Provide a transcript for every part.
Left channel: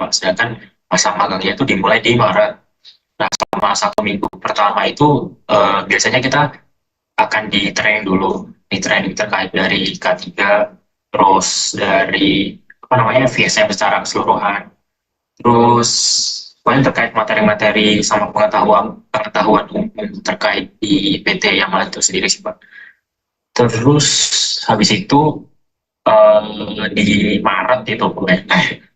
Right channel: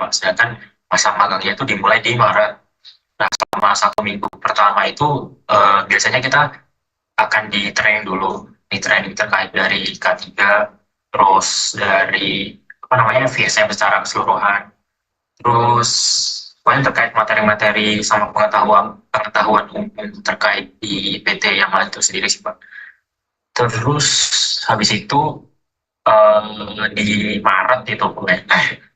Pak. Sedangkan masa magangnya itu dimulai di Maret. Nah, selama 1 minggu pertama itu biasanya kita akan di training dulu, di training terkait dari K3, terus dari apa namanya VSM secara keseluruhan, terus pokoknya terkait materi-materi sama pengetahuan pengetahuan umum terkait di PT Yamaha itu sendiri sih Pak. Terus habis itu di Maret itu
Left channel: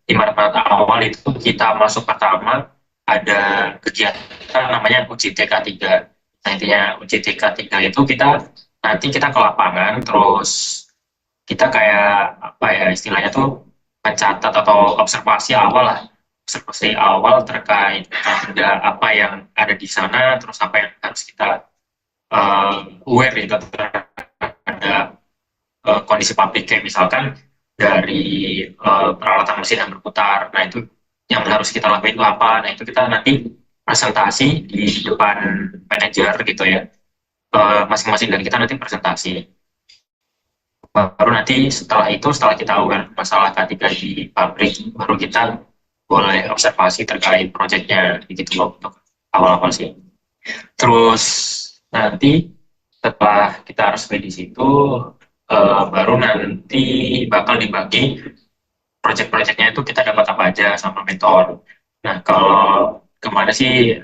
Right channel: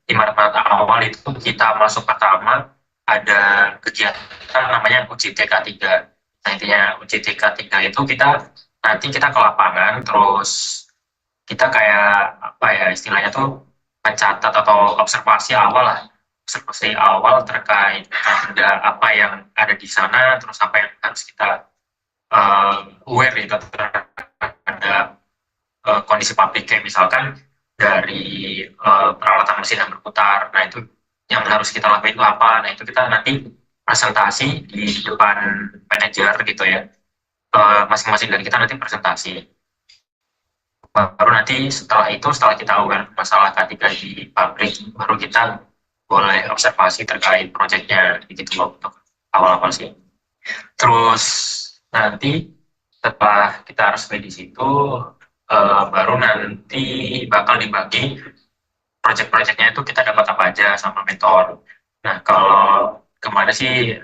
di Maret awal itu kita masuk pertama ada kegiatan namanya uji TK3. Nah intinya uji TK3 itu kita ke lapangan terus kita kayak apa ya istilahnya tuh mencatat atau observasi awal terkait ada apa yang ada di sana terus apa yang harus kita aware itu terhadap kondisi pabrik kayak misalkan dari peralatan mesin yang berputar. Nah itu yang harus kita lakuin itu apa? Nah itu kita nanti presentasi di depan manajer gitu ya. Masing-masing dari kita nanti presentasi. Baru nanti setelah kita aware masalah K3 di pabrik, baru kita boleh observasi terkait proyeknya gitu loh untuk awal-awal sih. Terus nanti setelah kita resmi di situ, baru nanti bakal dibagi proyek-proyeknya itu kita dapat apa aja sama mentor. Nah, kalau kemana sih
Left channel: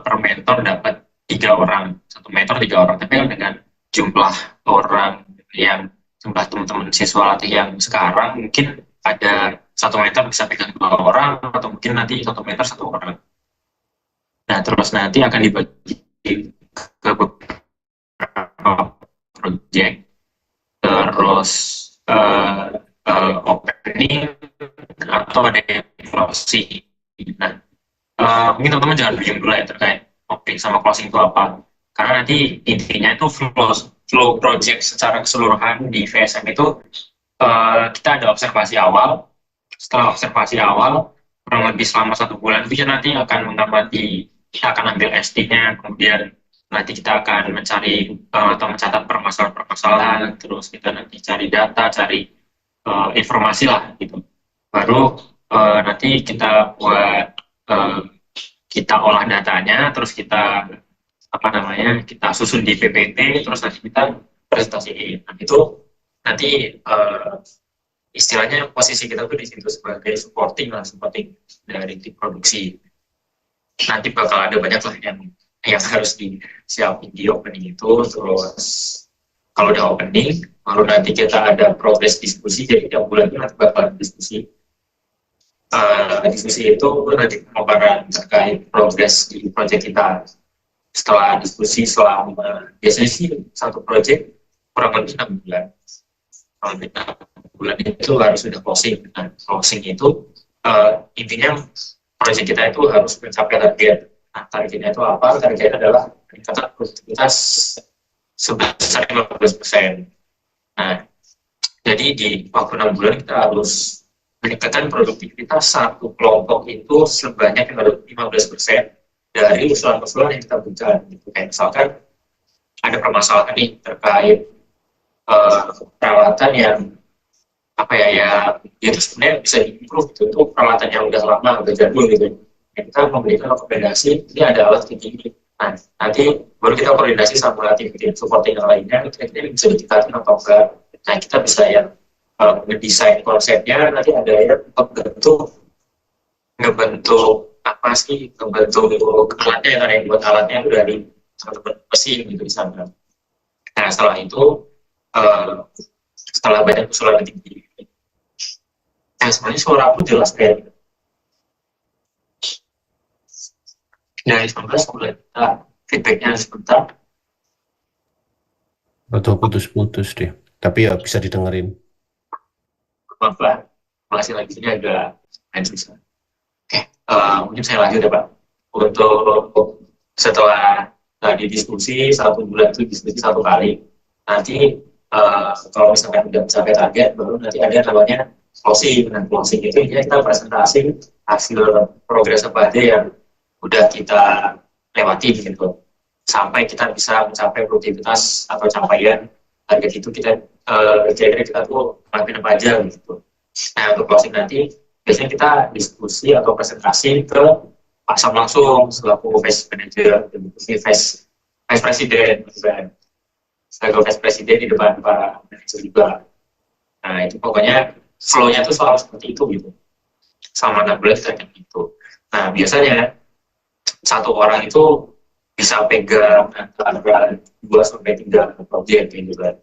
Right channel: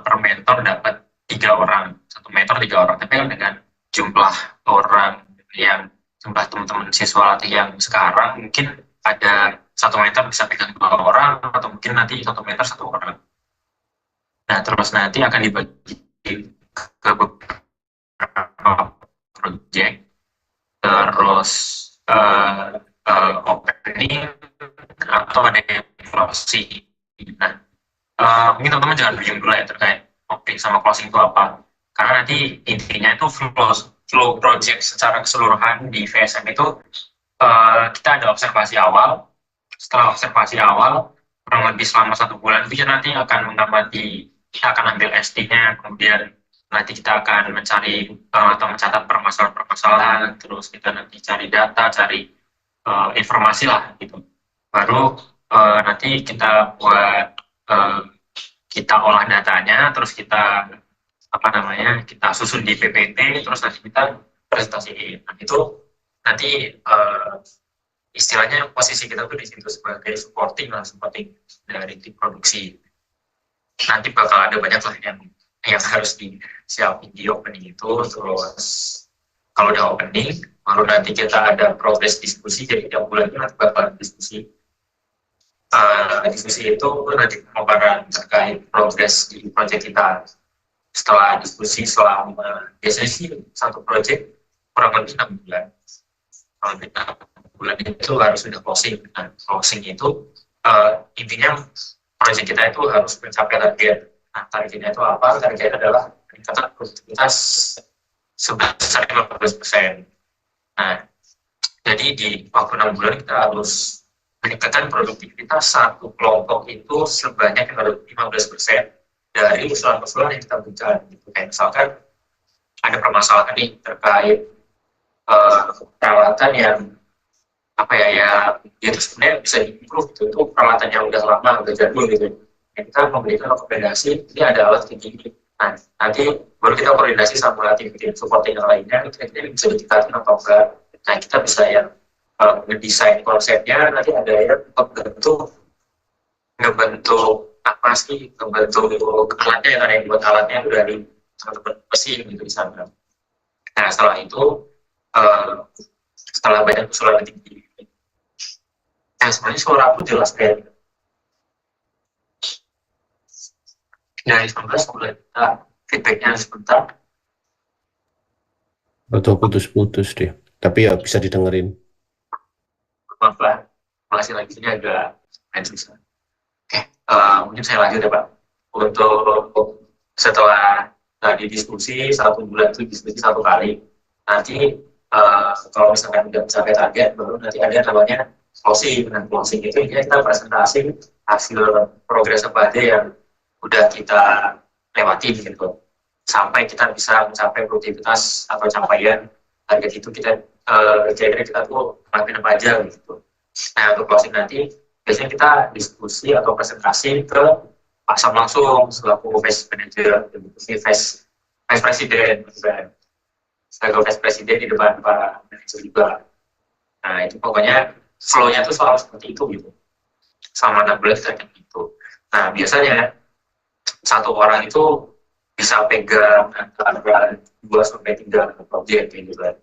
per mentor dapat 3 orang, satu mentor 3 orang, tapi kan dengan jumlah orang yang jumlah teman-teman siswa latih yang sekarang mungkin ada satu mentor bisa pegang 2 orang atau mungkin nanti satu mentor 1 orang. Nah, terus nanti akan dibagi ke beberapa proyek terus opening atau ada yang closing. Nah, mungkin teman-teman jangan bingung dulu ya terkait opening sama closing itu apa. Karena nanti intinya itu flow project secara keseluruhan di VSM itu kita ada observasi awal. Setelah observasi awal, kurang lebih selama 1 bulan itu nanti akan mengamati, kita akan ambil SD-nya, kemudian nanti kita akan mencari atau mencatat permasalahan-permasalahan, terus kita nanti cari data, cari informasi lah gitu. Baru nanti kita buat kita olah datanya, terus kita apa namanya kita susun di PPT, terus nanti kita presentasiin. Nah, itu nanti istilahnya posisi kita tuh di situ sebagai supporting dari tim produksi. Nanti bakal ada banyak lah yang harus disiapin di opening itu. Terus kalau udah opening, baru nanti kita ada progres diskusi. Jadi tiap bulan itu nanti bakal ada diskusi. Diskusi itu nanti pemaparan terkait progres di proyek kita. Setelah diskusi selama biasanya sih satu proyek kurang lebih 6 bulan. Kalau 6 bulan itu harus sudah closing. Nah, closing itu intinya proyek kita itu harus mencapai target. Nah, targetnya itu apa? Targetnya adalah peningkatan produktivitas sebesar 15%. Nah, jadi di waktu 6 bulan kita harus meningkatkan produktivitas satu kelompok itu sebanyak 15% dari usulan-usulan yang kita berikan. Gitu. Kayak misalkan ada permasalahan nih terkait peralatan yang apa ya itu sebenarnya bisa diimprove gitu. Itu peralatan yang udah lama, udah jadul gitu. Kita memberikan rekomendasi ini ada alat kayak gini. Nah, nanti baru kita koordinasi sama tim supporting yang lainnya, kira-kira bisa ditingkatin atau enggak. Nah, kita bisa yang ngedesain konsepnya, nanti ada yang ngebentuk apa sih, ngebentuk alatnya, yang ada yang buat alatnya udah di teman-teman mesin gitu di sana. Nah, setelah itu setelah banyak usulan tinggi, nah sebenarnya suara aku jelas kayak dari 19 bulan kita feedbacknya sebentar. Atau putus-putus deh. Tapi ya bisa didengerin. Maaf lah, masih lagi ini agak susah. Oke, mungkin saya lanjut ya Pak. Untuk setelah tadi diskusi 1 bulan itu diskusi 1 kali, nanti kalau misalkan tidak mencapai target, baru nanti ada namanya closing. Nah, closing itu kita presentasi hasil progres apa aja yang udah kita lewati gitu, sampai kita bisa mencapai produktivitas atau capaian target itu kita kira-kira kita tuh ngelakuin apa aja gitu. Nah, untuk closing nanti biasanya kita diskusi atau presentasi ke Pak Sam langsung selaku vice manager, vice vice presiden, selaku vice presiden di depan para manajer juga. Nah itu pokoknya flow-nya tuh selalu seperti itu gitu. Sama 6 bulan kita kayak gitu. Nah biasanya satu orang itu bisa pegang antara 2 sampai 3 proyek gitu kan.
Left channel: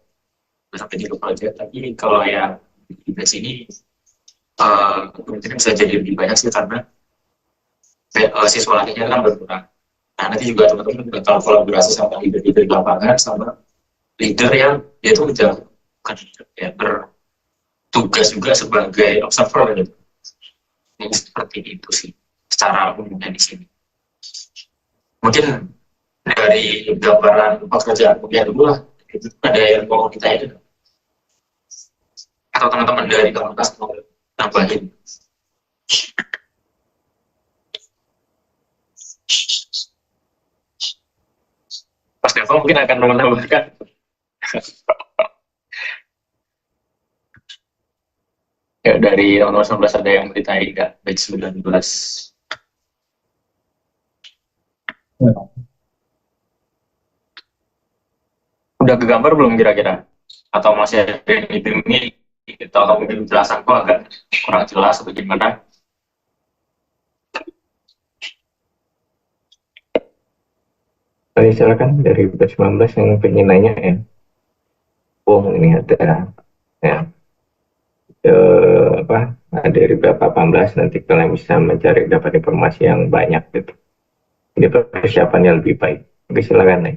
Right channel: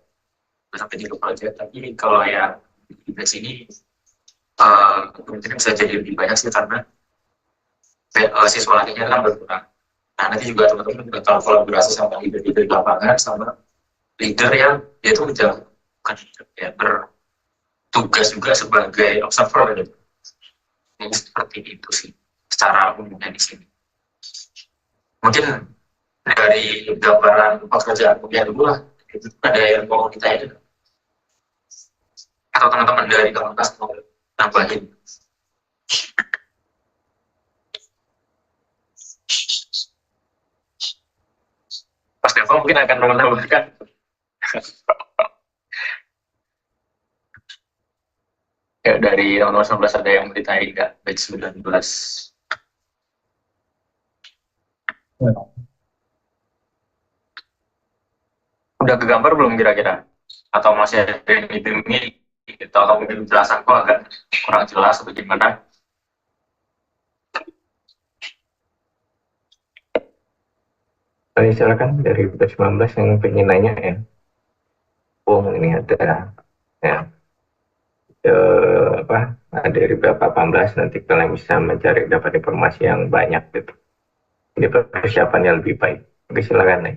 2 sampai 3 proyek. Tapi kalau yang di sini kemungkinan bisa jadi lebih banyak sih karena siswa latihannya kan berkurang. Nah nanti juga teman-teman juga kalau kolaborasi sama leader-leader di lapangan sama leader yang dia itu udah bukan ya, bertugas juga sebagai observer gitu. Jadi seperti itu sih secara umumnya di sini. Mungkin dari gambaran pekerjaan kuliah dulu lah, itu ada yang mau kita itu atau teman-teman dari komunitas mau nambahin. Mas Devo mungkin akan menambahkan. Ya, dari nomor 19 ada yang ditanya nggak? Batch 19. Udah kegambar belum kira-kira? Atau masih ada yang dibingungi? Atau mungkin penjelasan kok agak kurang jelas atau gimana? Silakan dari batch 19 yang pengen nanya ya. Ini ada ya apa dari berapa 18 nanti kalian bisa mencari dapat informasi yang banyak gitu. Jadi persiapannya lebih baik. Oke, silakan nih.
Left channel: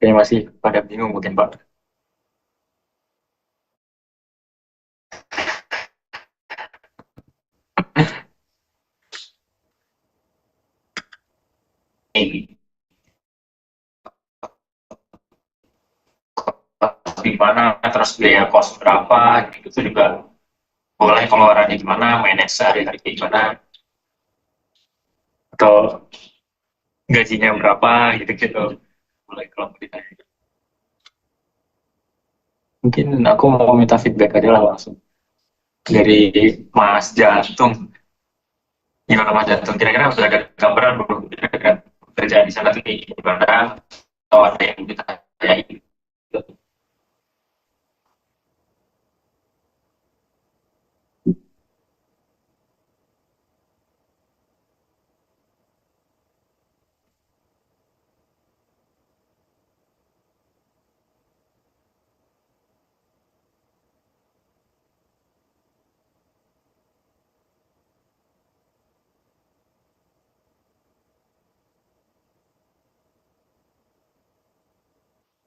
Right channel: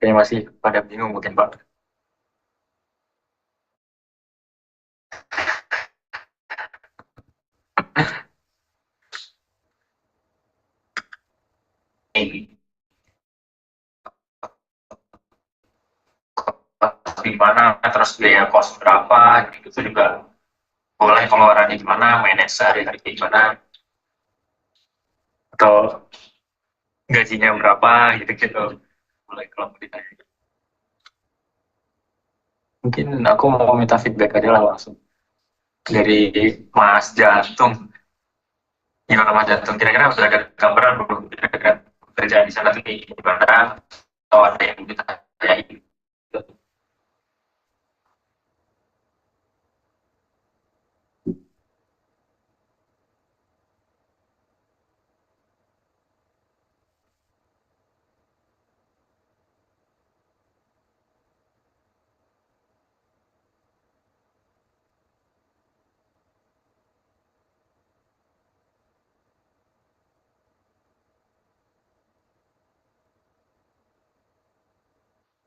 Kayaknya masih pada bingung mungkin Pak. Di mana, terus biaya kos berapa, gitu itu juga boleh pengeluarannya gimana, manage sehari-hari gimana, atau gajinya berapa, gitu-gitu. Boleh kalau mau ditanya. Mungkin aku mau minta feedback aja lah langsung. Dari Mas Jantung. Gimana Mas Jantung? Kira-kira sudah ada gambaran belum? Kira-kira kerjaan di sana tuh gimana? Atau ada yang ditanyain?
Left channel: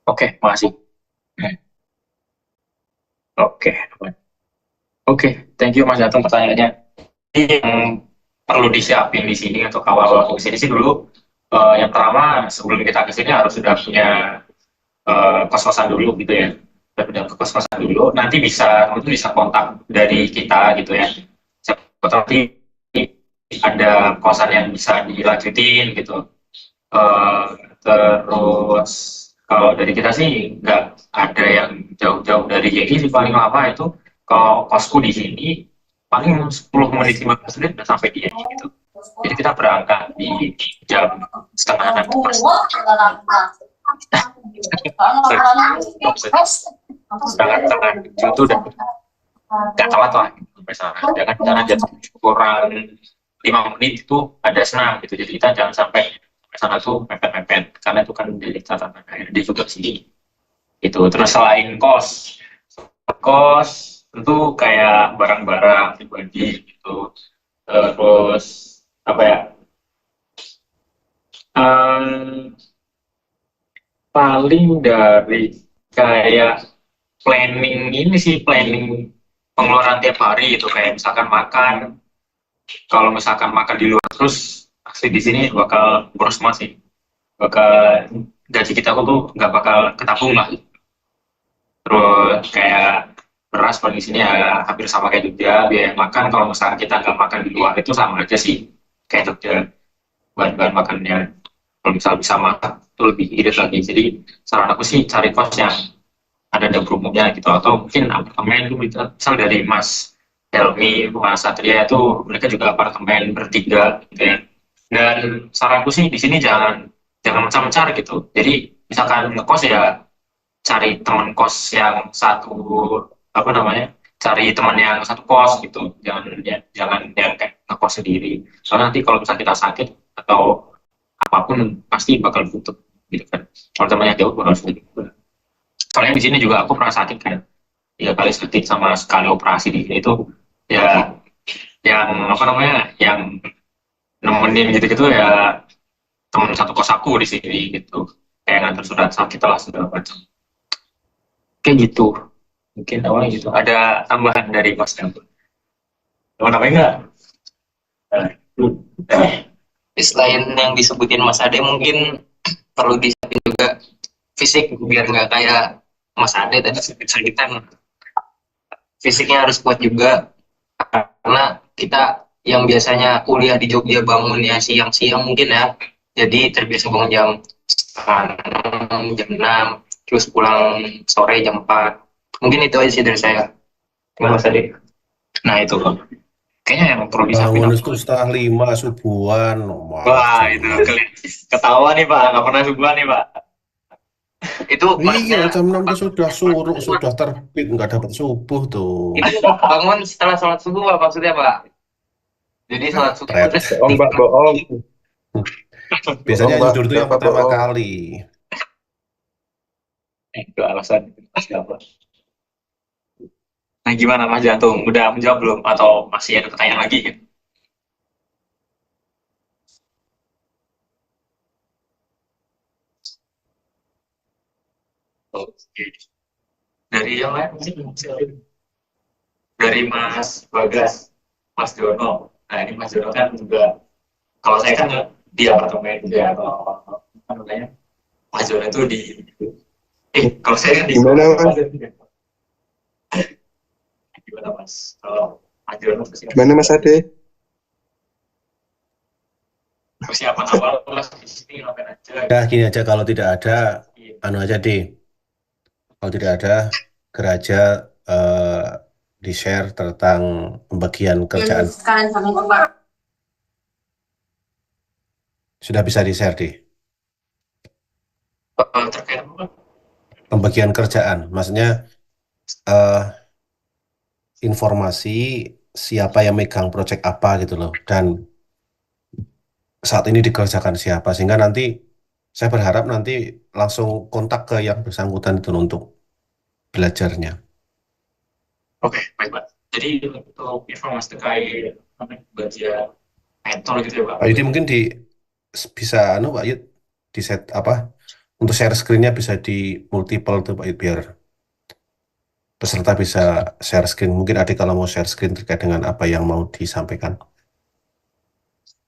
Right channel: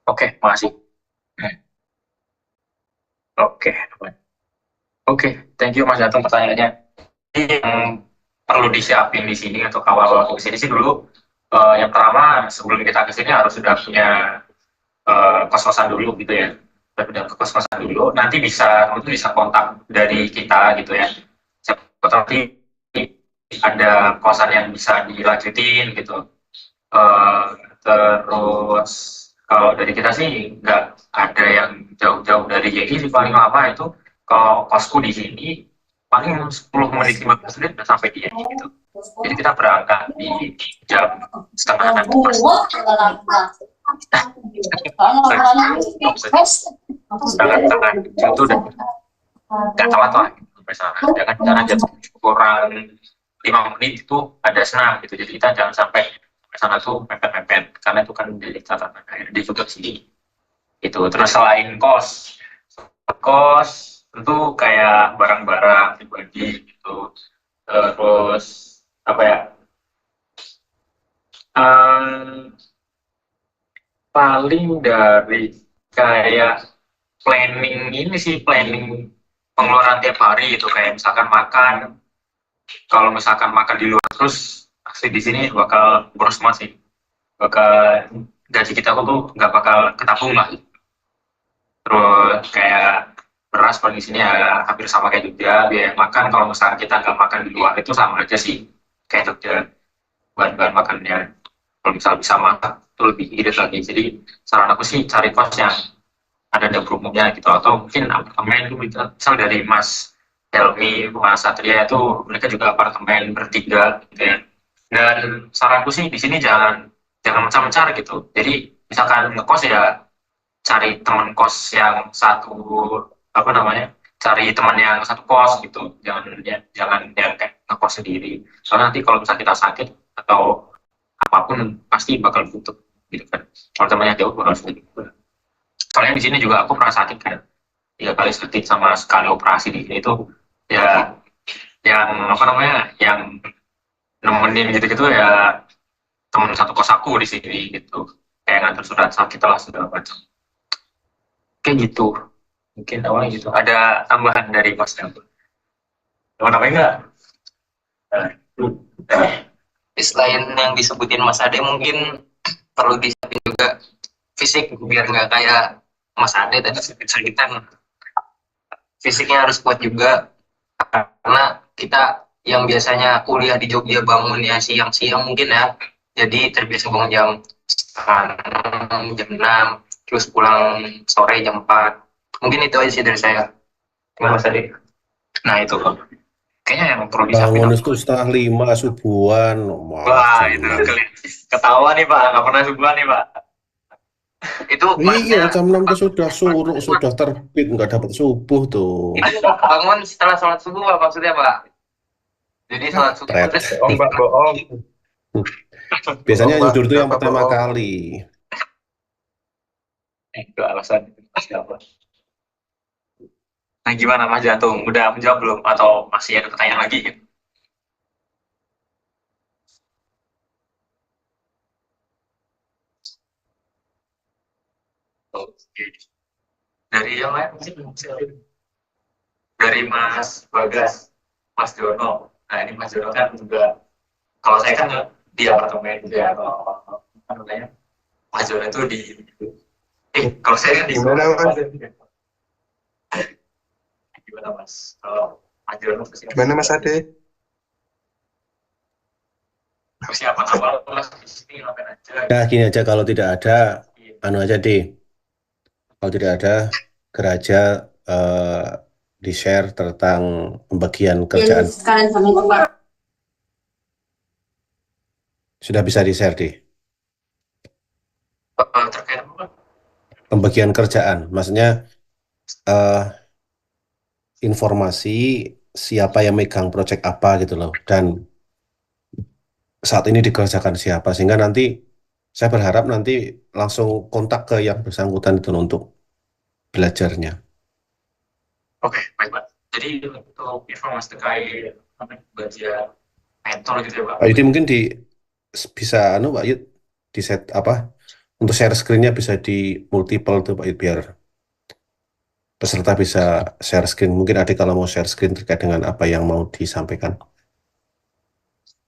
Oke, makasih. Oke, oke, thank you Mas Jantung pertanyaannya. Yang perlu disiapin di sini untuk awal waktu sini sih dulu, yang pertama sebelum kita ke sini harus sudah punya kos-kosan dulu gitu ya. Sudah punya kos-kosan dulu, nanti bisa kontak dari kita gitu ya. Siapa tahu nanti ada kosan yang bisa dilanjutin gitu. Eh, terus kalau dari kita sih nggak ada yang jauh-jauh dari JI sih, paling lama itu kalau kosku di sini paling 10 menit 15 menit udah sampai di JI gitu. Jadi kita berangkat di jam setengah 6 pas. Setengah itu udah nggak telat lah gitu, sampai sana. Jangan jangan jam 7 kurang 5 menit itu ada senam gitu. Jadi kita jangan sampai sana tuh mepet-mepet karena itu kan menjadi catatan HRD juga sih. Itu terus selain kos tentu kayak barang-barang pribadi gitu. Terus apa ya? Em, paling dari kayak planning ini sih, planning pengeluaran tiap hari itu kayak misalkan makan, kalau misalkan makan di luar terus pasti di sini bakal boros banget sih, bakal gaji kita tuh nggak bakal ketabung lah. Terus kayak beras kondisinya ya hampir sama kayak Jogja, biaya makan kalau misalkan kita nggak makan di luar itu sama aja sih kayak Jogja, bahan-bahan makannya. kalau misalnya bisa masak itu lebih irit lagi. Jadi saran aku sih cari kos yang ada dapur umumnya gitu, atau mungkin apartemen itu misal dari Mas Helmi, Mas Satria itu mereka juga apartemen bertiga gitu ya. Dan saranku sih di sini jangan jangan mencar-mencar gitu. Jadi misalkan ngekos ya cari teman kos yang satu, apa namanya, cari teman yang satu kos gitu, jangan yang kayak ngekos sendiri, soalnya nanti kalau misalnya kita sakit atau apapun pasti bakal butuh gitu kan. Kalau temannya jauh bakal sulit. Soalnya di sini juga aku pernah sakit kan, 3 kali sakit sama sekali operasi di sini itu ya, yang apa namanya, yang nemenin gitu-gitu ya teman satu kos aku di sini gitu, kayak ngantar surat sakit lah segala macam kayak gitu. Mungkin awalnya gitu. Ada tambahan dari Mas Elvan? Apa namanya enggak? Selain yang disebutin Mas Ade, mungkin perlu disiapin juga fisik biar nggak kayak Mas Ade tadi sakit-sakitan. Fisiknya harus kuat juga karena kita yang biasanya kuliah di Jogja bangunnya siang-siang mungkin ya, jadi terbiasa bangun jam 6, jam 6, terus pulang sore jam 4. Mungkin itu aja sih dari saya. Gimana Mas Ade? Nah itu loh. Kayaknya yang perlu disiapin Bangun apa? itu setengah 5 subuhan, malah Wah, jam itu 6. ketahuan nih Pak, nggak pernah subuhan nih Pak. Itu Iya, masnya jam 6 tuh sudah suruk, sudah terbit, nggak dapat subuh tuh. itu bangun setelah sholat subuh Pak, maksudnya Pak? Jadi sholat subuh Pret. terus Bohong, Mbak, bohong. Biasanya Bohong, Mbak. tidur tuh yang Kenapa pertama bohong? kali. Itu alasan. Nah gimana Mas Jantung? Udah menjawab belum? Atau masih ada pertanyaan lagi gitu? Oke. Dari yang lain mungkin dari Mas Bagas, Mas Jono. Nah ini Mas Jono kan juga, kalau saya kan di apartemen gitu ya, kalau apa namanya, Mas Jono itu di, kalau saya kan di, Gimana, Mas? gimana Mas? Kalau Mas Jono Gimana, Mas Ade? persiapan awal lah di sini ngapain aja Ya, gitu. gini aja, kalau tidak ada, anu aja deh. Kalau tidak ada, geraja eh, di-share tentang pembagian kerjaan. Sekalian sama itu Pak. Sudah bisa di-share deh. Terkait apa? Pembagian kerjaan, maksudnya eh, informasi siapa yang megang proyek apa gitu loh. Dan saat ini dikerjakan siapa. Sehingga nanti saya berharap nanti langsung kontak ke yang bersangkutan itu loh untuk belajarnya. Oke, baik Pak. Jadi untuk informasi terkait bagian mentor gitu ya Pak. Pak Yudi mungkin bisa anu Pak Yud di set apa untuk share screen-nya bisa di multiple tuh Pak Yud biar peserta bisa share screen. Mungkin adik kalau mau share screen terkait dengan apa yang mau disampaikan.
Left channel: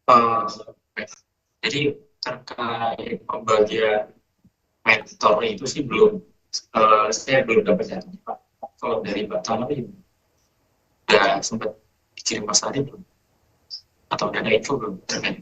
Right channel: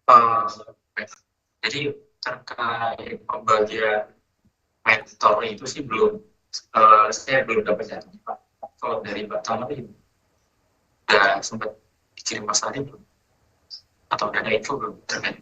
Eh, jadi terkait pembagian mentor itu sih belum, saya belum dapat data Pak. Kalau dari Pak Tama ini udah sempat dikirim Mas Adi belum? Atau udah ada info belum terkait?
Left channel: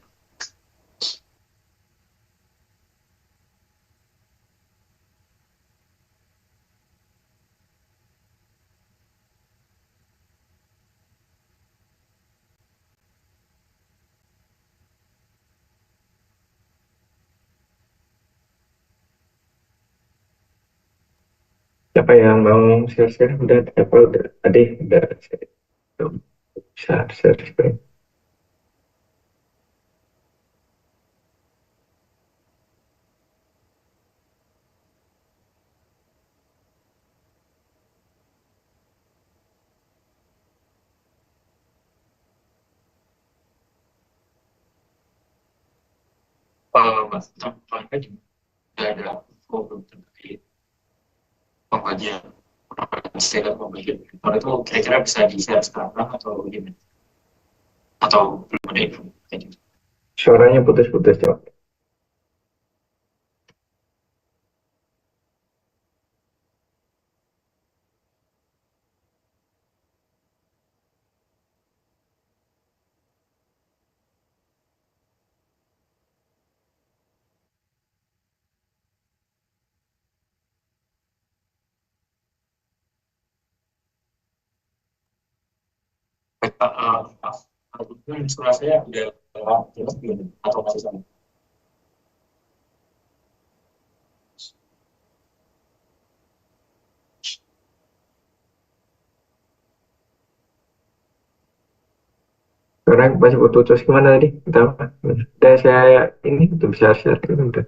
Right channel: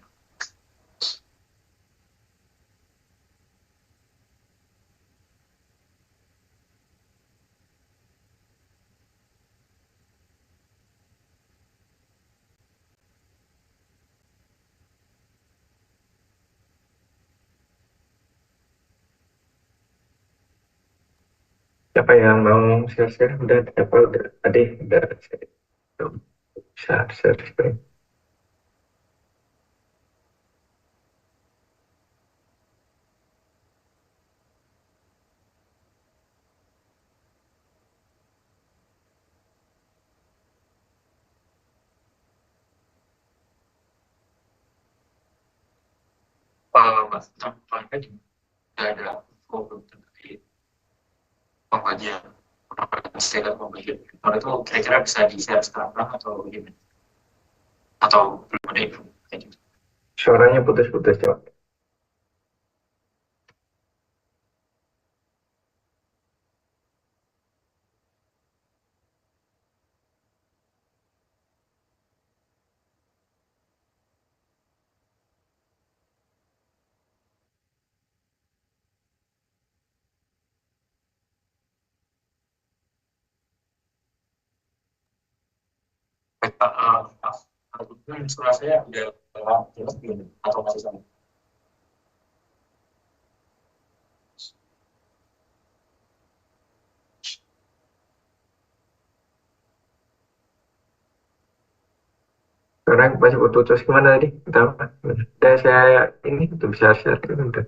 Siapa yang mau share-share? Udah, apa? Udah, Ade, udah. Bisa share-share. Mas Tama kan udah ada info belum terkait pembagian istilah pembagian mentor itu kira-kira bisa di-share sekarang atau gimana? Atau belum ada info kayak gitu? Suaranya putus-putus, Cok. Surat saya udah atau masih sama? Sekarang masih putus gimana tadi? Entah apa. Saya ini tuh bisa share udah.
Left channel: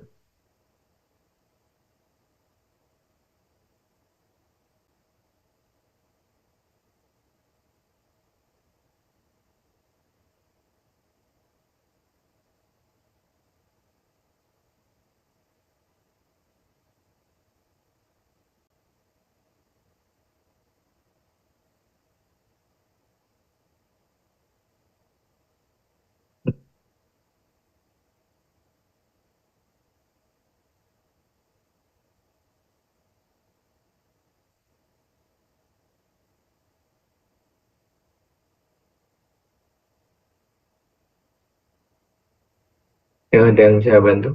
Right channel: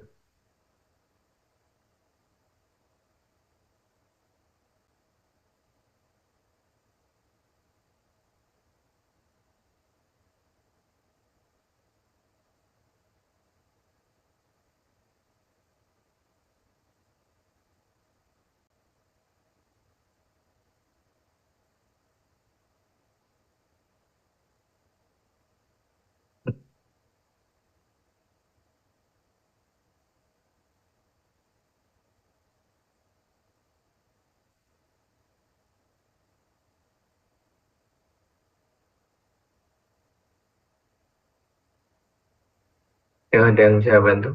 Yang ada yang saya bantu.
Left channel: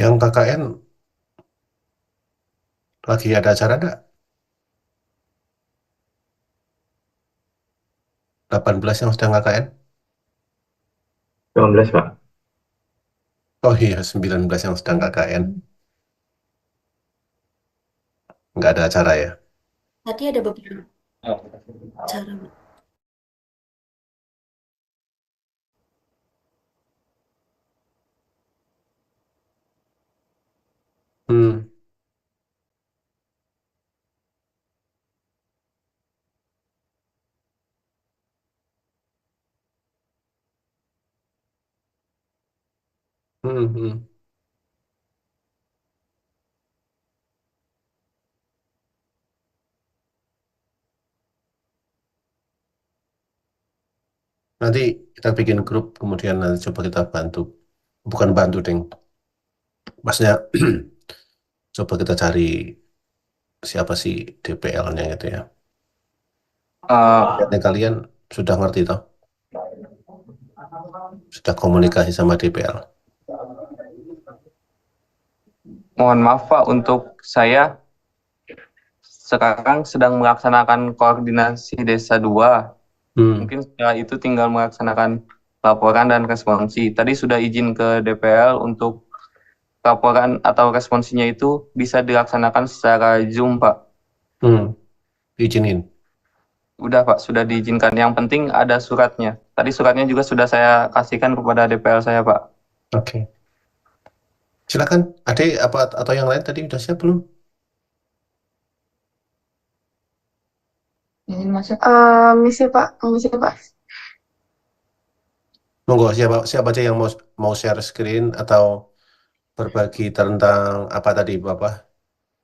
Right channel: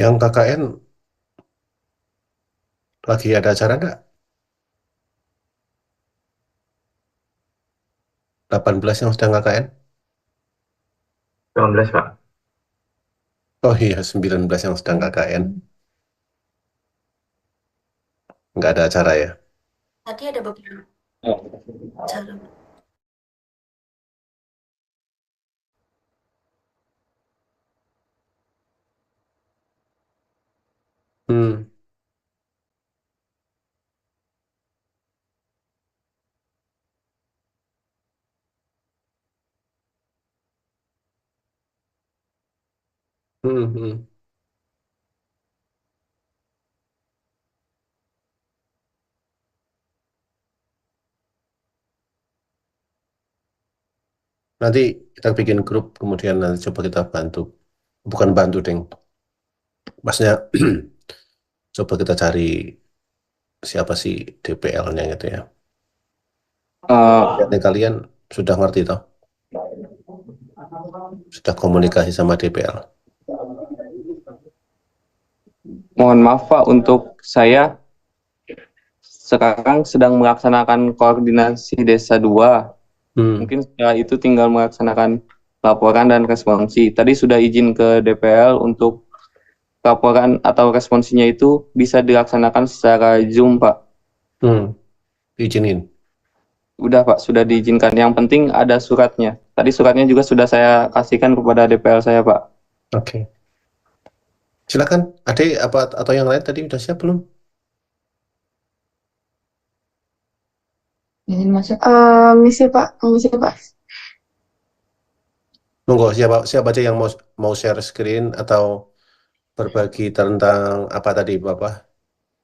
Yang KKN lagi ada acara nggak? 18 yang sedang KKN? 19 Pak. Oh iya, 19 yang sedang KKN. Nggak ada acara ya? Tadi ada beberapa acara. Hmm, hmm. Nanti kita bikin grup, kemudian nanti coba kita bantu. Bukan bantu, Deng. Maksudnya, coba kita cari siapa sih DPL-nya gitu ya. Eh, Dan kalian sudah ngerti toh? Sudah komunikasi sama DPL. Mohon maaf Pak, untuk saya sekarang sedang melaksanakan koordinasi Desa 2. Hmm, Mungkin setelah itu tinggal melaksanakan laporan dan responsi. Tadi sudah izin ke DPL untuk laporan atau responsinya itu bisa dilaksanakan secara Zoom, Pak. hmm. Izinin. Udah Pak, sudah diizinkan. Yang penting ada suratnya. Tadi suratnya juga sudah saya kasihkan kepada DPL saya, Pak. Oke. Silakan. Ade apa atau yang lain tadi udah siap belum? Izin masuk. Misi Pak, misi Pak. Monggo siapa siapa aja yang mau share screen atau berbagi tentang apa tadi Bapak?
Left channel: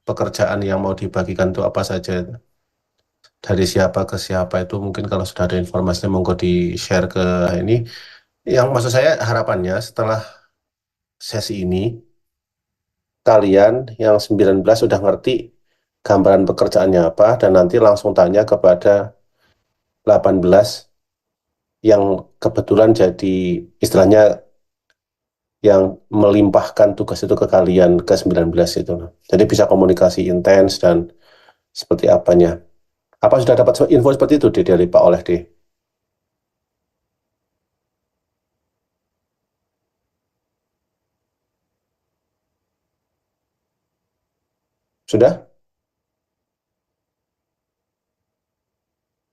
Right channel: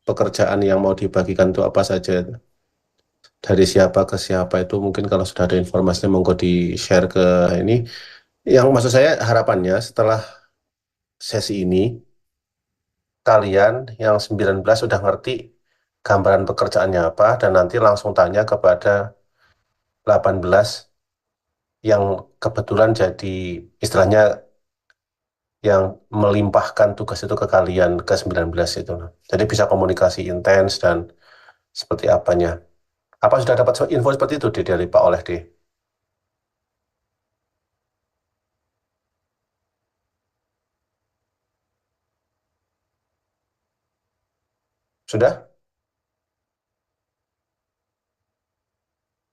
Pekerjaan yang mau dibagikan itu apa saja itu? Dari siapa ke siapa itu mungkin kalau sudah ada informasinya monggo di-share ke ini. Yang maksud saya harapannya setelah sesi ini kalian yang 19 sudah ngerti gambaran pekerjaannya apa dan nanti langsung tanya kepada 18 yang kebetulan jadi istilahnya yang melimpahkan tugas itu ke kalian ke 19 itu. Jadi bisa komunikasi intens dan seperti apanya. Apa sudah dapat info seperti itu dari Pak Oleh D? Sudah?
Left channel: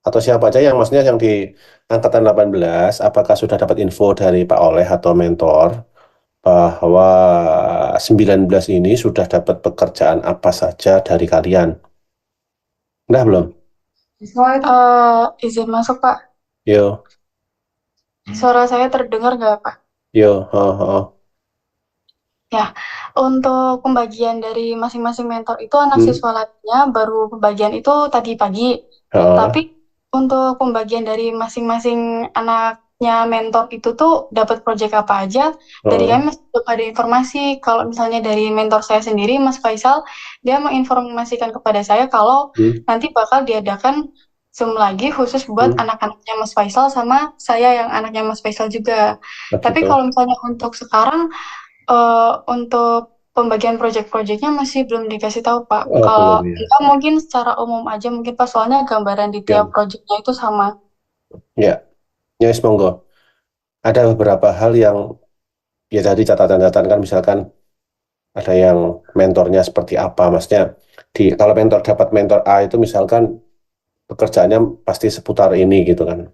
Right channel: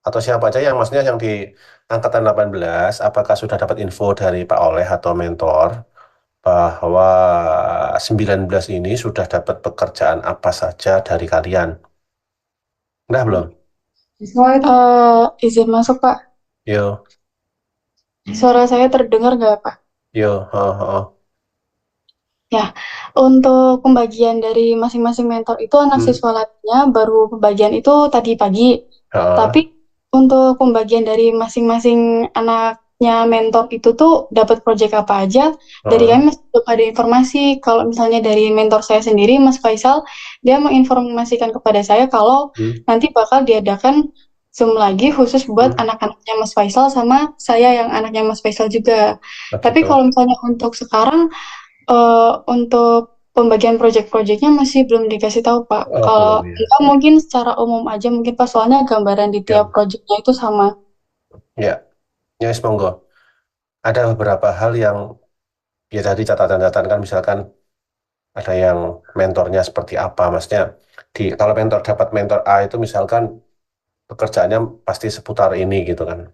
Atau siapa aja yang maksudnya yang di angkatan 18, apakah sudah dapat info dari Pak Oleh atau mentor bahwa 19 ini sudah dapat pekerjaan apa saja dari kalian? Udah belum? Izin masuk Pak. Yo, Suara saya terdengar nggak Pak? yo, oh, oh. Ya, Untuk pembagian dari masing-masing mentor itu anak Hmm. siswa latihnya baru pembagian itu tadi pagi. Ah, Tapi untuk pembagian dari masing-masing anaknya mentor itu tuh dapat proyek apa aja, dari ah, kami masih belum ada informasi. Kalau misalnya dari mentor saya sendiri, Mas Faisal, dia menginformasikan kepada saya kalau hmm, nanti bakal diadakan Zoom lagi khusus buat hmm. anak-anaknya Mas Faisal sama saya yang anaknya Mas Faisal juga. Oh, Tapi gitu. kalau misalnya untuk sekarang untuk pembagian proyek-proyeknya masih belum dikasih tahu, Pak. Oh, belum Kalau ya. enggak mungkin secara umum aja mungkin Pak, soalnya gambaran di Ya, tiap proyeknya itu sama. ya, ya, monggo. Ada beberapa hal yang ya tadi catatan-catatan kan, misalkan ada yang mentornya seperti apa, maksudnya kalau mentor dapat mentor A itu misalkan pekerjaannya pasti seputar ini gitu kan.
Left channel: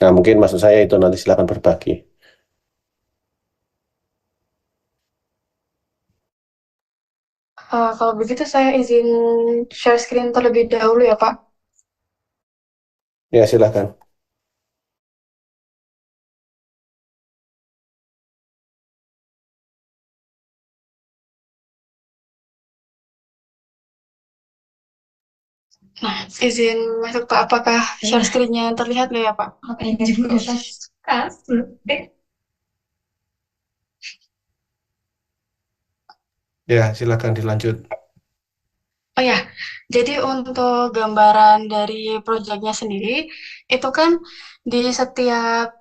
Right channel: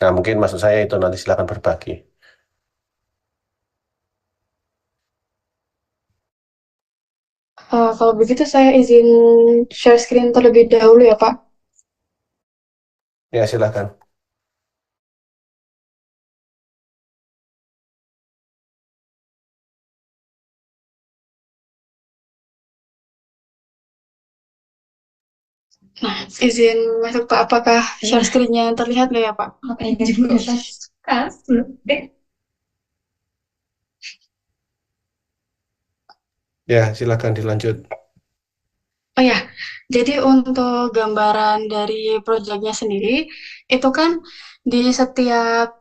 Nah, mungkin maksud saya itu nanti silakan berbagi. Kalau begitu saya izin share screen terlebih dahulu ya, Pak. Ya, silakan. Nah, izin masuk, Pak. Apakah share screen-nya terlihat nggak ya, Pak? Ya, silakan dilanjut. Oh ya, jadi untuk gambaran dari proyeknya sendiri, itu kan di setiap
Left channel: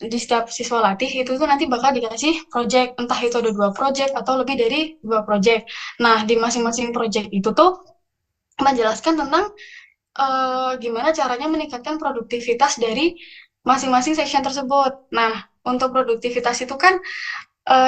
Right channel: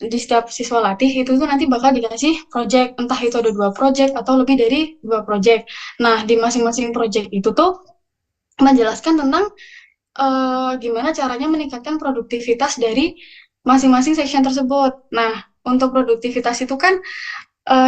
di setiap siswa latih itu tuh nanti bakal dikasih proyek, entah itu ada 2 proyek atau lebih dari 2 proyek. Nah, di masing-masing proyek itu tuh menjelaskan tentang gimana caranya meningkatkan produktivitas dari masing-masing section tersebut. Nah, untuk produktivitas itu kan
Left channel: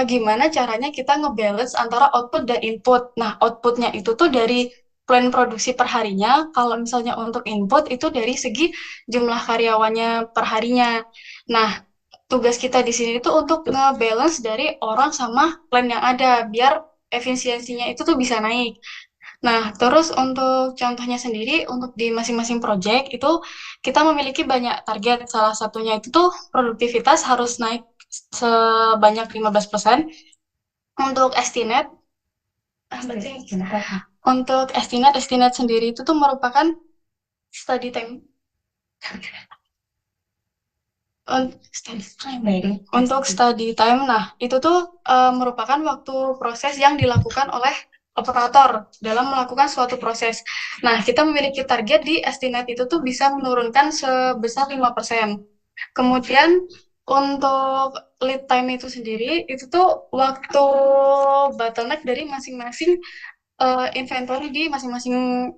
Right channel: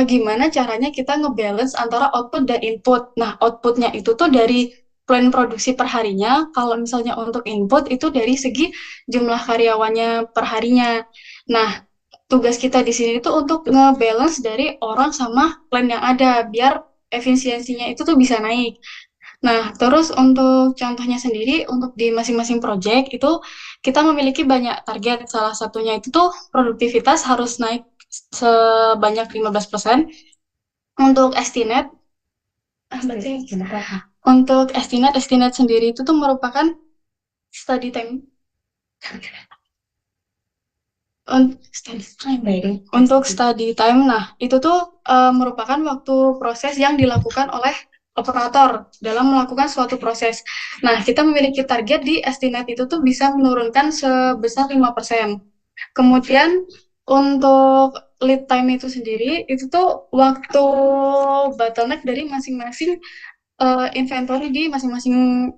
gimana caranya kita ngebalance antara output dan input. Nah, outputnya itu tuh dari plan produksi per harinya. Kalau misalnya untuk input itu dari segi jumlah karyawannya per harinya. Nah, tugas kita di sini tuh untuk ngebalance dari orang sama plan yang ada biar efisiensinya itu tuh bisa naik. Nah, terus untuk contohnya sendiri, untuk di masing-masing project itu kita memiliki banyak target. Salah satunya itu tuh produktivitas harus naik sebanyak 15%. Untuk estimate, estimate sendiri itu tuh merupakan study time. Untuk study time, nah itu tuh merupakan waktu proses yang dilakukan oleh operator dalam melakukan suatu proses. Nah, kita memiliki target di estimate itu tuh bisa menurunkan sebesar 5%. Kemudian untuk lead time itu sendiri, itu tuh waktu bottleneck dari masing-masing inventory di masing-masing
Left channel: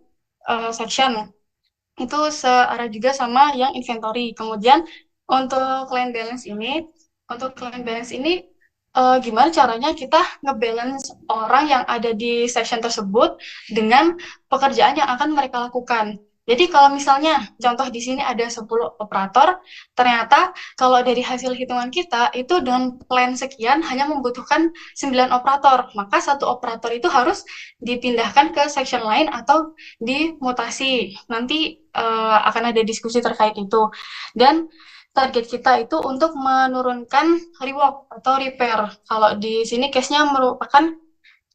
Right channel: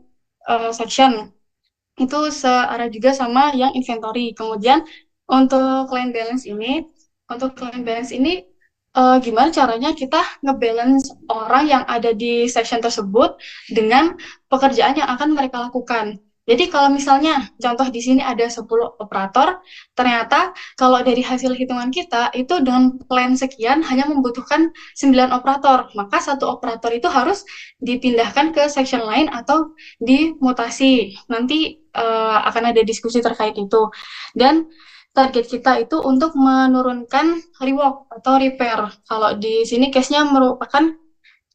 section itu searah juga sama yang inventory. Kemudian untuk client balance ini, gimana caranya kita ngebalance orang yang ada di section tersebut dengan pekerjaan yang akan mereka lakukan. Jadi kalau misalnya contoh di sini ada 10 operator, ternyata kalau dari hasil hitungan kita itu dengan plan sekian hanya membutuhkan 9 operator, maka satu operator itu harus dipindahkan ke section lain atau dimutasi. Nanti akan ada diskusi terkait itu. Dan target kita itu untuk menurunkan rework atau repair. Kalau di sini case-nya merupakan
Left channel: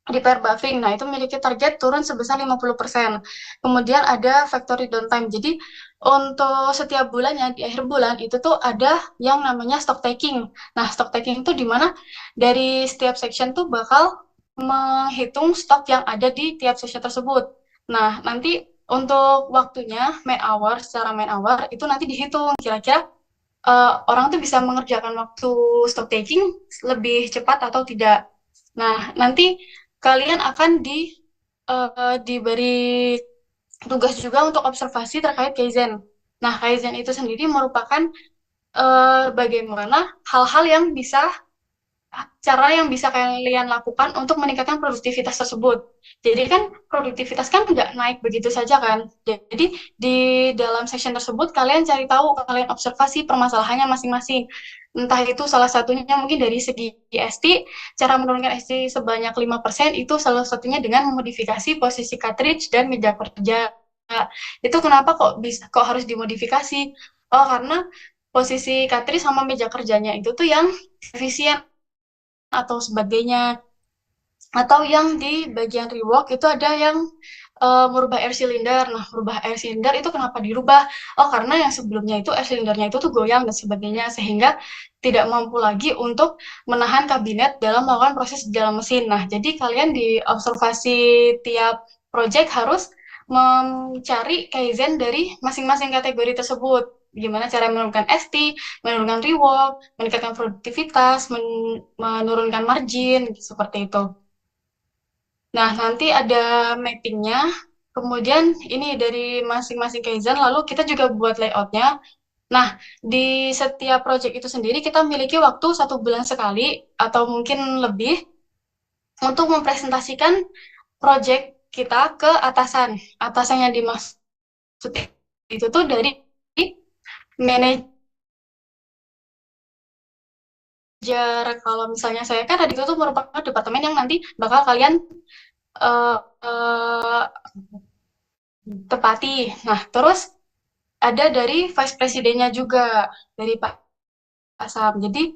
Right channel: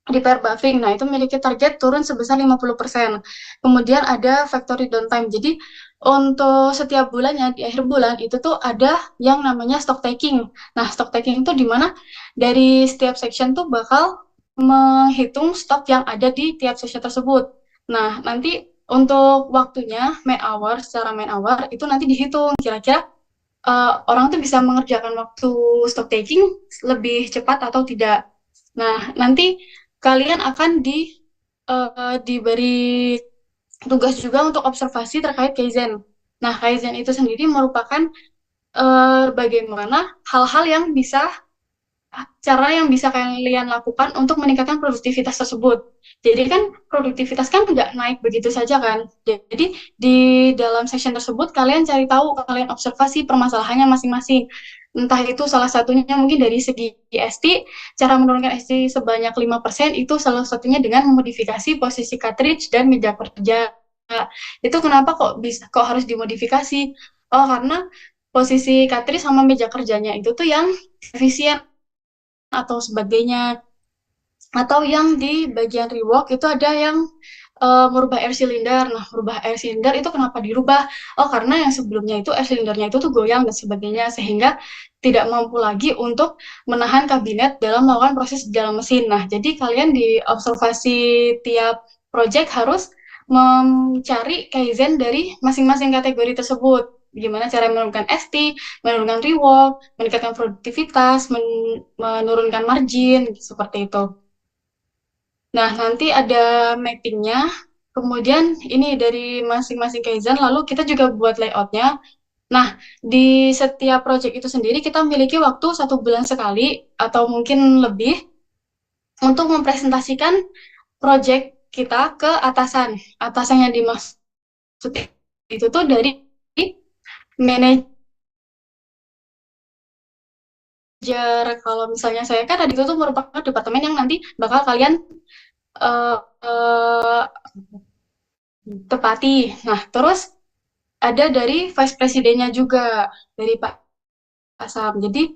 repair buffing. Nah, itu memiliki target turun sebesar 50%. Kemudian ada factory downtime. Jadi, untuk setiap bulannya, di akhir bulan, itu tuh ada yang namanya stock taking. Nah, stock taking itu di mana dari setiap section tuh bakal menghitung stok yang ada di tiap section tersebut. Nah, nanti untuk waktunya, secara main hour, itu nanti dihitung kira-kira orang tuh bisa mengerjakan waktu stock taking lebih cepat atau tidak. Nah, nanti kalian akan diberi tugas juga untuk observasi terkait Kaizen. Nah, Kaizen itu sendiri merupakan bagaimana hal-hal yang bisa cara yang bisa kalian lakukan untuk meningkatkan produktivitas tersebut. Jadi kan produktivitas kan nggak naik begitu saja kan. Jadi di dalam session tersebut kalian cari tahu, kalian observasi permasalahannya masing-masing. Entah itu salah satunya mungkin dari segi ST, cara menurunkan ST sebanyak 5% itu salah satunya dengan memodifikasi posisi cartridge dan meja kerja. Itu kenapa kok harus dimodifikasi? Oh, karena posisi Katri sama meja kerjanya itu tuh yang efisien atau sebagainya. Atau yang di bagian rework itu ada yang merubah air cylinder. Nah, merubah air cylinder itu kenapa dirubah? Oh, karena yang sebelumnya itu air cylindernya itu tuh goyang dan sebagainya, sehingga tidak mampu lagi untuk menahan kabinet dalam melakukan proses di dalam mesin. Nah, jadi kalian di observasi tiap project harus mencari kaizen dari masing-masing kategori tersebut. Gimana cara menurunkan ST, menurunkan rework, meningkatkan produktivitas, menurunkan margin, seperti itu. Nah, nanti ada mappingnya. Kemudian ini dari masing-masing Kaizen, lalu kita juga buat layoutnya. Nah, di setiap project itu sendiri kita memiliki waktu 1 bulan sekali atau mungkin lebih untuk mempresentasikan project kita ke atasan. Atasan yang dimaksud itu tuh dari manajer. Kalau misalnya saya kan tadi itu tuh merupakan departemen yang nanti bakal kalian eh, eh, tepati. Nah, terus ada dari vice presidennya juga, dari Pak Asam. Jadi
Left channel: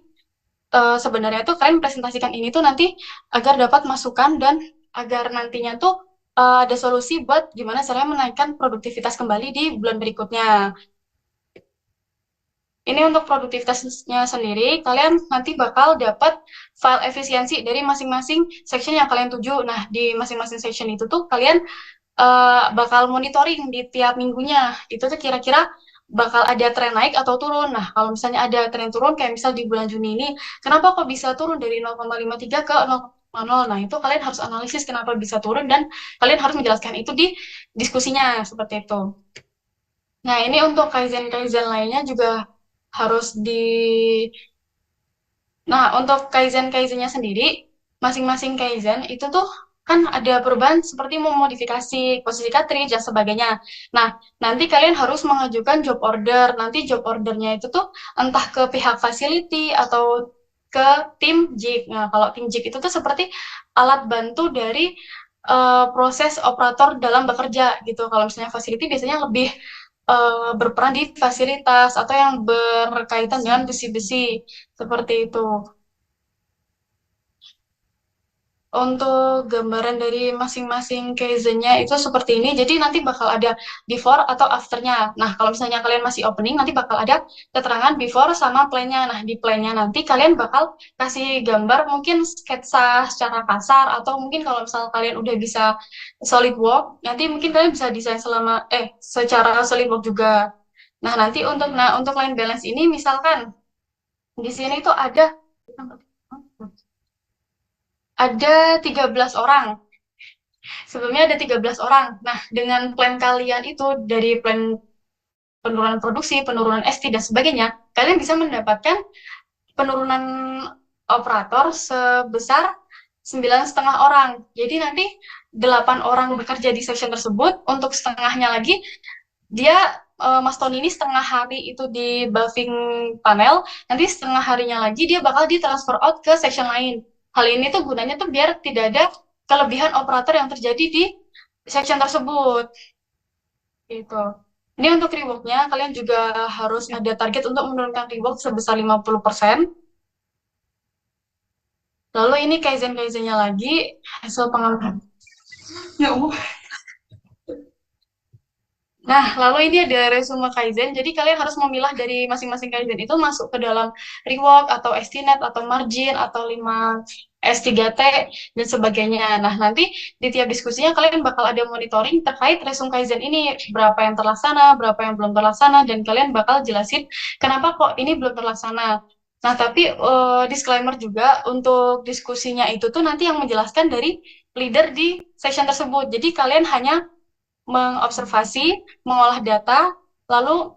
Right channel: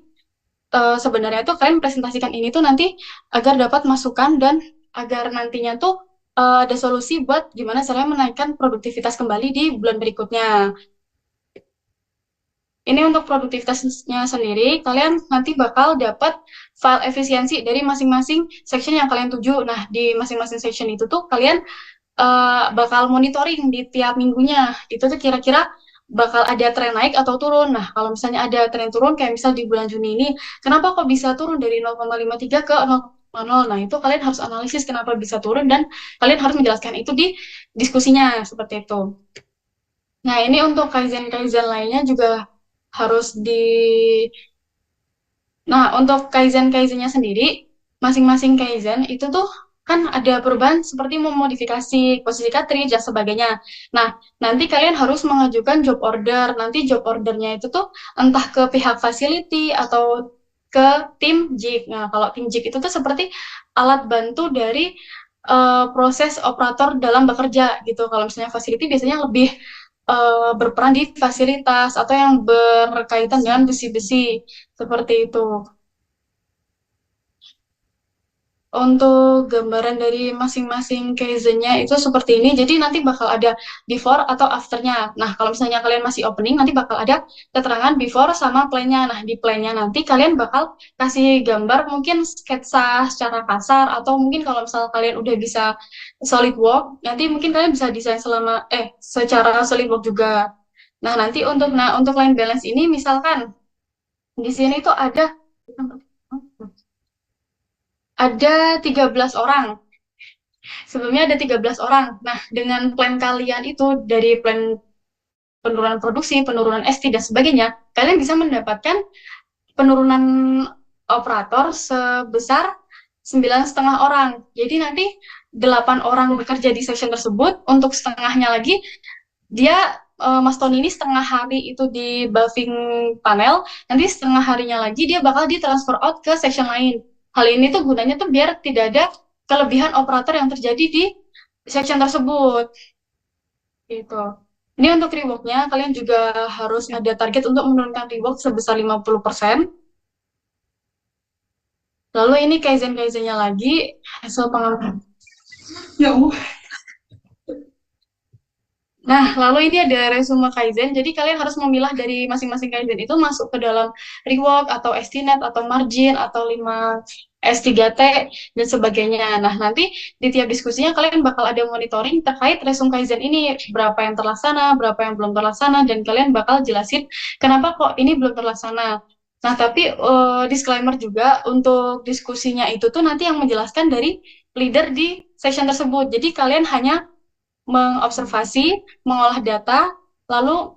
sebenarnya tuh kalian presentasikan ini tuh nanti agar dapat masukan dan agar nantinya tuh ada solusi buat gimana caranya menaikkan produktivitas kembali di bulan berikutnya. Ini untuk produktivitasnya sendiri, kalian nanti bakal dapat file efisiensi dari masing-masing section yang kalian tuju. Nah, di masing-masing section itu tuh kalian bakal monitoring di tiap minggunya. Itu tuh kira-kira bakal ada tren naik atau turun. Nah, kalau misalnya ada tren turun, kayak misal di bulan Juni ini, kenapa kok bisa turun dari 0,53 ke 0,0? Nah, itu kalian harus analisis kenapa bisa turun dan kalian harus menjelaskan itu di diskusinya, seperti itu. Nah, ini untuk kaizen-kaizen lainnya juga harus Nah, untuk kaizen-kaizennya sendiri, masing-masing kaizen itu tuh kan ada perubahan seperti memodifikasi posisi cartridge dan sebagainya. Nah, nanti kalian harus mengajukan job order. Nanti job ordernya itu tuh entah ke pihak facility atau ke tim JIG. Nah, kalau tim JIG itu tuh seperti alat bantu dari proses operator dalam bekerja gitu. Kalau misalnya facility biasanya lebih berperan di fasilitas atau yang berkaitan dengan besi-besi seperti itu. Untuk gambaran dari masing-masing case-nya itu seperti ini. Jadi nanti bakal ada before atau after-nya. Nah, kalau misalnya kalian masih opening, nanti bakal ada keterangan before sama plan-nya. Nah, di plan-nya nanti kalian bakal kasih gambar mungkin sketsa secara kasar atau mungkin kalau misal kalian udah bisa SolidWorks, nanti mungkin kalian bisa desain secara SolidWorks juga. Nah, untuk line balance ini misalkan di sini tuh ada 13 orang. Sebelumnya ada 13 orang. Nah, dengan plan kalian itu dari plan penurunan produksi, penurunan ST dan sebagainya, kalian bisa mendapatkan penurunan operator sebesar 9,5 orang. Jadi nanti 8 orang bekerja di section tersebut, untuk setengahnya lagi dia Mas Tony ini setengah hari itu di buffing panel, nanti setengah harinya lagi dia bakal ditransfer out ke section lain. Hal ini tuh gunanya tuh biar tidak ada kelebihan operator yang terjadi di section tersebut. Gitu. Ini untuk rework-nya, kalian juga harus ada target untuk menurunkan rework sebesar 50%. Lalu ini kaizen-kaizennya lagi, hasil pengamatan. Ya Allah. Nah, lalu ini ada resume Kaizen. Jadi kalian harus memilah dari masing-masing Kaizen itu masuk ke dalam rework atau estimate atau margin atau 5 S3T dan sebagainya. Nah, nanti di tiap diskusinya kalian bakal ada monitoring terkait resume Kaizen ini, berapa yang terlaksana, berapa yang belum terlaksana, dan kalian bakal jelasin kenapa kok ini belum terlaksana. Nah, tapi disclaimer juga untuk diskusinya itu tuh nanti yang menjelaskan dari leader di session tersebut. Jadi kalian hanya mengobservasi, mengolah data, lalu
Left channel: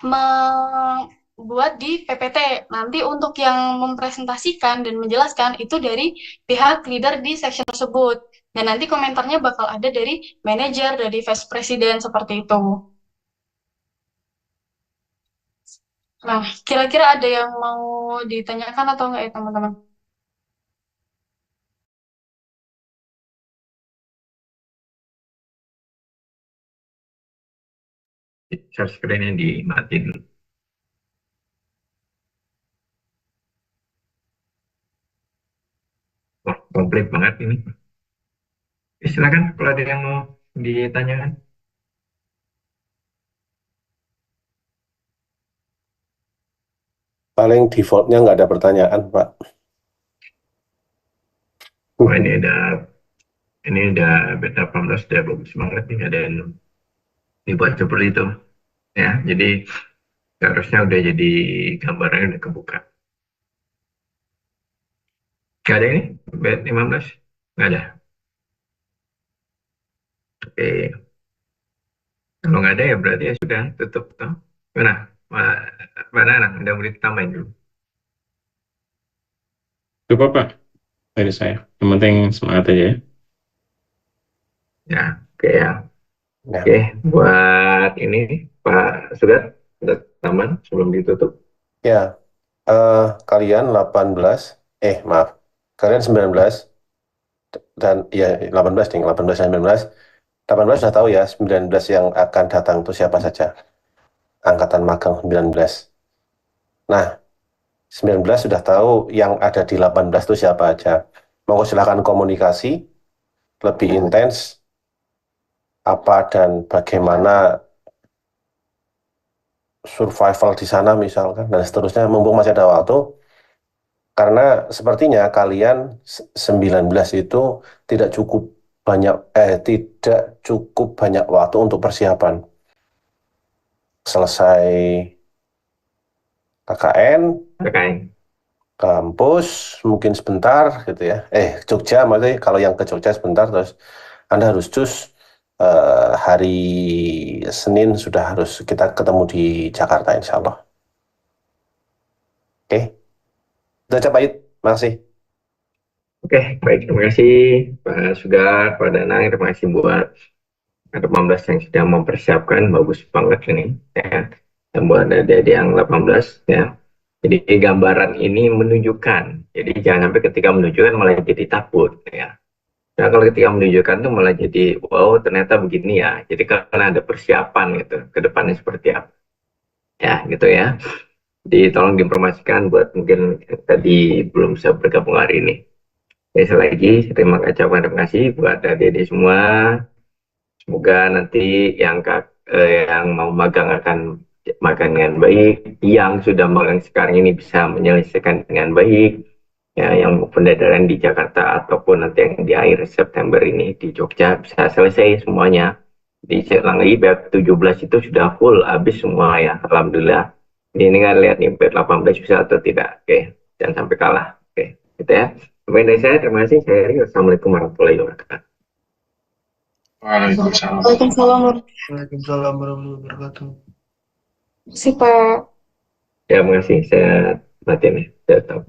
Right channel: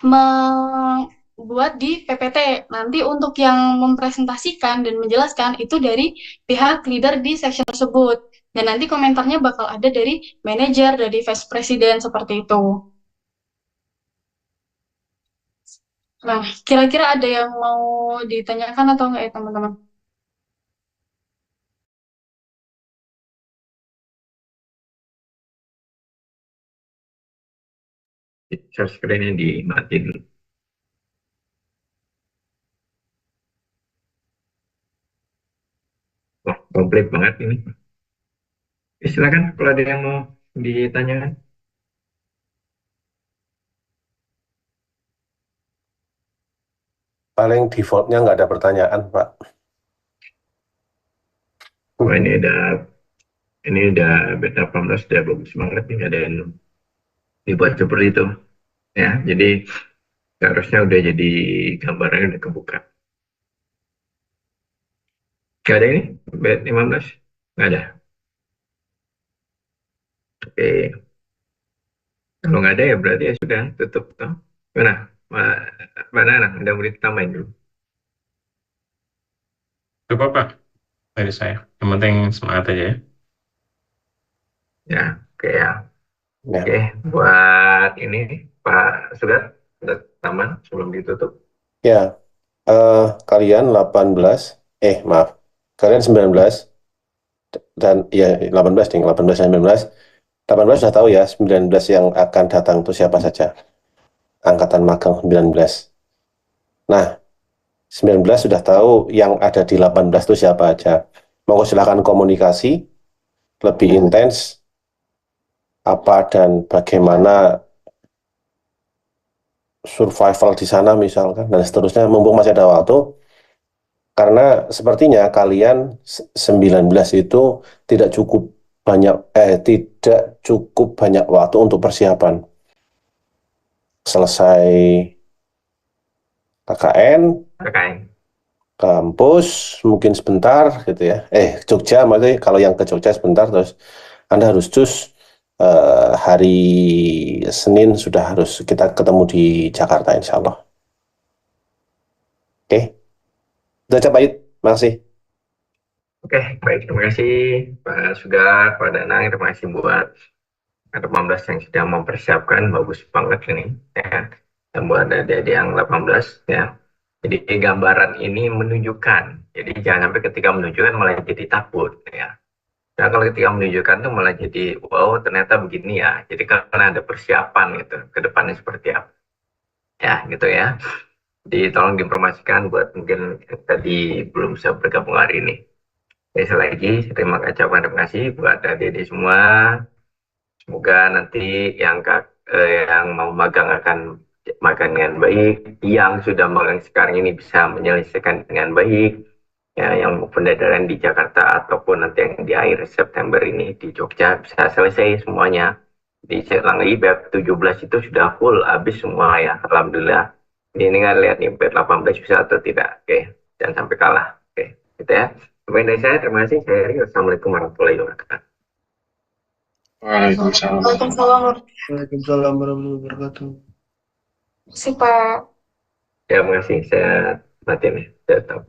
membuat di PPT. Nanti untuk yang mempresentasikan dan menjelaskan itu dari pihak leader di section tersebut. Dan nanti komentarnya bakal ada dari manajer, dari vice president, seperti itu. Nah, kira-kira ada yang mau ditanyakan atau enggak ya, teman-teman? Share screen-nya dimatiin dulu. komplit banget ini. Silakan kalau ada yang mau ditanyakan. Paling defaultnya nggak ada pertanyaan, Pak. Wah, ini udah beta 18 udah bagus banget nih, nggak ada yang dibuat seperti itu ya. Jadi seharusnya udah jadi gambarnya udah kebuka. Nggak ada ini bet 15 nggak ada. Oke, kalau nggak ada ya berarti ya sudah tutup toh. Mana Mbak Nana udah boleh ditambahin dulu. Cukup Pak dari saya. Yang penting semangat aja ya. Ya, oke ya. Ya. Oke, buat ini Pak Sugat udah taman sebelum ditutup. Ya, kalian 18, maaf, kalian 19, dan ya 18 nih, 18 dan 19. 18 sudah tahu ya, 19 yang akan datang itu siapa saja. Angkatan magang 19. Nah, 19 sudah tahu yang ada di 18 itu siapa aja. Mau silakan komunikasi lebih intens apa dan bagaimana survival di sana misalkan dan seterusnya mumpung masih ada waktu. Karena sepertinya kalian 19 itu tidak cukup tidak cukup banyak waktu untuk persiapan. Selesai KKN, Oke, kampus, mungkin sebentar gitu ya. Jogja, maksudnya kalau yang ke Jogja sebentar, terus Anda harus cus hari Senin sudah harus kita ketemu di Jakarta, insya Allah. Oke, itu aja Pak Yud. Makasih. oke, baik, terima kasih Pak Sugar, Pak Danang, terima kasih buat 18 yang sudah mempersiapkan, bagus banget ini ya. Dan buat adik-adik yang 18 ya. Jadi gambaran ini menunjukkan, jadi jangan sampai ketika menunjukkan malah jadi takut ya. Nah kalau ketika menunjukkan tuh malah jadi wow ternyata begini ya. Jadi karena ada persiapan gitu ke depannya seperti apa ya gitu ya. Jadi tolong diinformasikan buat mungkin yang tadi belum bisa bergabung hari ini. Sekali lagi terima kasih buat adik-adik semua. Semoga nanti yang mau magang akan magang dengan baik, yang sudah magang sekarang ini bisa menyelesaikan dengan baik, ya, yang pendadaran di Jakarta ataupun nanti yang di akhir September ini di Jogja bisa selesai semuanya. Di Selang lagi BEP 17 itu sudah full habis semua ya, Alhamdulillah. Ini kan lihat nih BEP 18 bisa atau tidak, oke, jangan sampai kalah, oke, gitu ya. Sampai dari saya, terima kasih. Saya Eri, wassalamualaikum warahmatullahi wabarakatuh. Waalaikumsalam. Waalaikumsalam. Waalaikumsalam warahmatullahi wabarakatuh. Si Pak. Ya, terima kasih. Saya matiin ya. Saya tahu.